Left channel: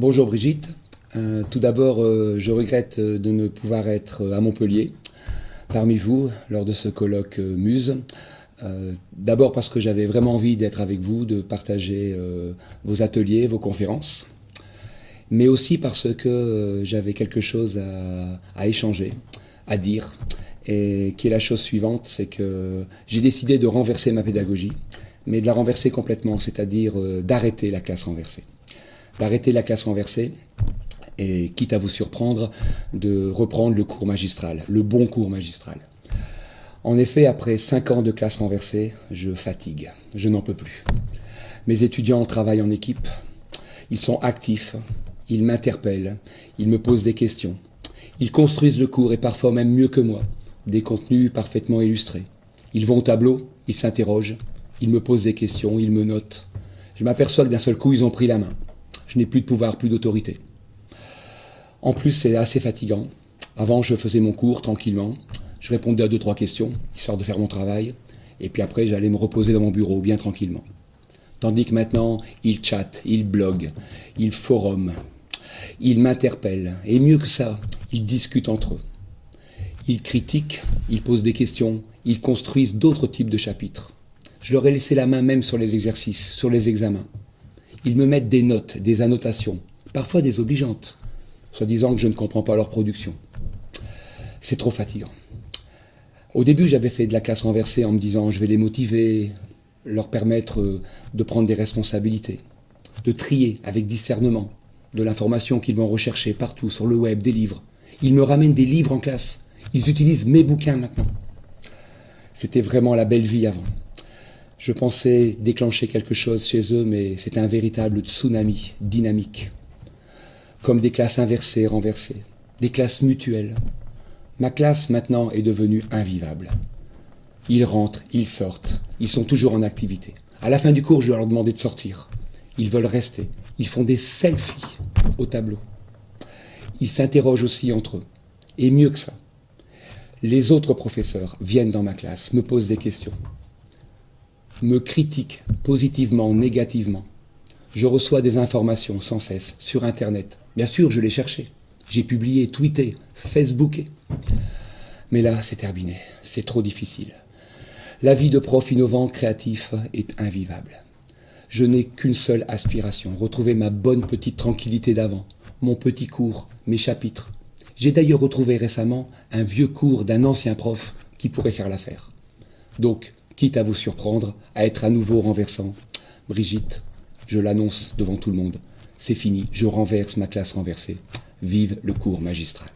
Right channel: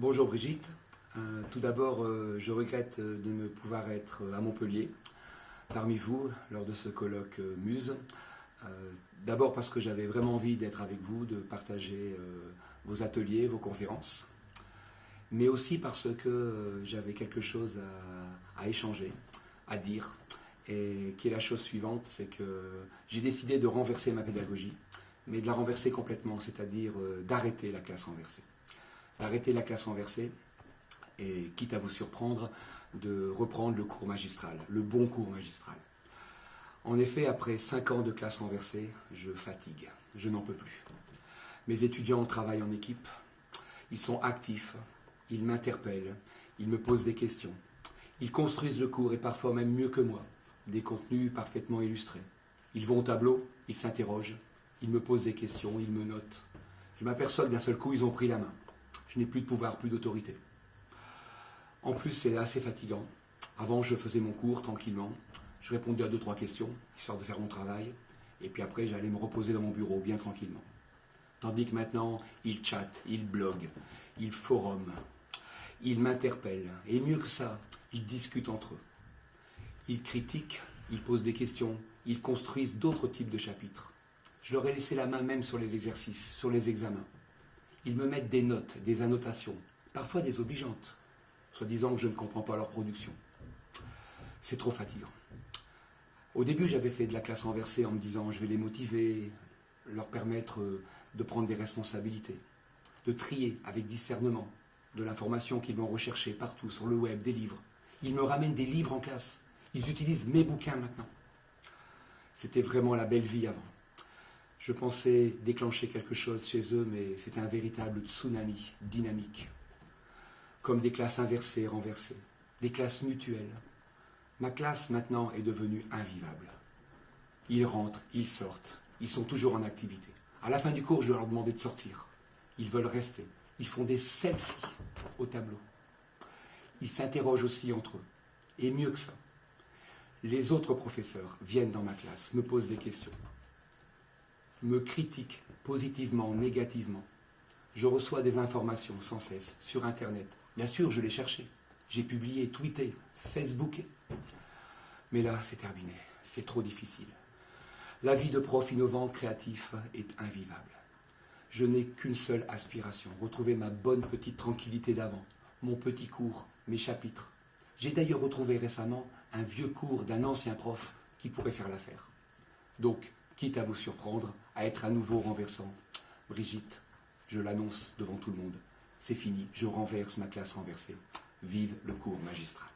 Bonjour Brigitte. Tout d'abord, je regrette de ne pouvoir être à Montpellier parmi vous lors de ce colloque Muse. D'abord parce que j'avais vraiment envie d'être avec vous, de partager vos ateliers, vos conférences, mais aussi parce que j'avais quelque chose à échanger, à dire, et qui est la chose suivante, c'est que j'ai décidé de renverser ma pédagogie, mais de la renverser complètement, c'est-à-dire d'arrêter la classe renversée. D'arrêter la classe renversée et, quitte à vous surprendre, de reprendre le cours magistral, le bon cours magistral. En effet, après 5 ans de classe renversée, je fatigue, je n'en peux plus. Mes étudiants travaillent en équipe, ils sont actifs, ils m'interpellent, ils me posent des questions. Ils construisent le cours et parfois même mieux que moi, des contenus parfaitement illustrés. Ils vont au tableau, ils s'interrogent, ils me posent des questions, ils me notent. Je m'aperçois que d'un seul coup, ils ont pris la main. Je n'ai plus de pouvoir, plus d'autorité. En plus, c'est assez fatigant. Avant, je faisais mon cours tranquillement. Je répondais à 2-3 questions, histoire de faire mon travail. Et puis après, j'allais me reposer dans mon bureau, bien tranquillement. Tandis que maintenant, ils chattent, ils bloguent, ils forums, ils m'interpellent. Et mieux que ça, ils discutent entre eux. Ils critiquent, ils posent des questions, ils construisent d'autres types de chapitres. Je leur ai laissé la main même sur les exercices, sur les examens. Ils me mettent des notes, des annotations, parfois désobligeantes, soi-disant que je ne comprends pas leur production. C'est trop fatigant. Au début, j'avais fait de la classe renversée en me disant je vais les motiver, leur permettre de prendre des responsabilités, de trier avec discernement de l'information qu'ils vont rechercher partout sur le web, des livres. Ils me ramènent des livres en classe. Ils utilisent mes bouquins maintenant. C'était vraiment la belle vie avant. Je pensais déclencher quelque chose chez eux, mais c'était un véritable tsunami dynamique. Comme des classes inversées, renversées, des classes mutuelles. Ma classe, maintenant, est devenue invivable. Ils rentrent, ils sortent, ils sont toujours en activité. À la fin du cours, je leur demandais de sortir. Ils veulent rester. Ils font des selfies au tableau. Ils s'interrogent aussi entre eux. Et mieux que ça, les autres professeurs viennent dans ma classe, me posent des questions, me critiquent positivement, négativement. Je reçois des informations sans cesse sur Internet. Bien sûr, je l'ai cherché. J'ai publié, tweeté, facebooké. Mais là, c'est terminé. C'est trop difficile. La vie de prof innovant, créatif est invivable. Je n'ai qu'une seule aspiration, retrouver ma bonne petite tranquillité d'avant, mon petit cours, mes chapitres. J'ai d'ailleurs retrouvé récemment un vieux cours d'un ancien prof qui pourrait faire l'affaire. Donc, quitte à vous surprendre, à être à nouveau renversant, Brigitte, je l'annonce devant tout le monde, c'est fini, je renverse ma classe renversée. Vive le cours magistral.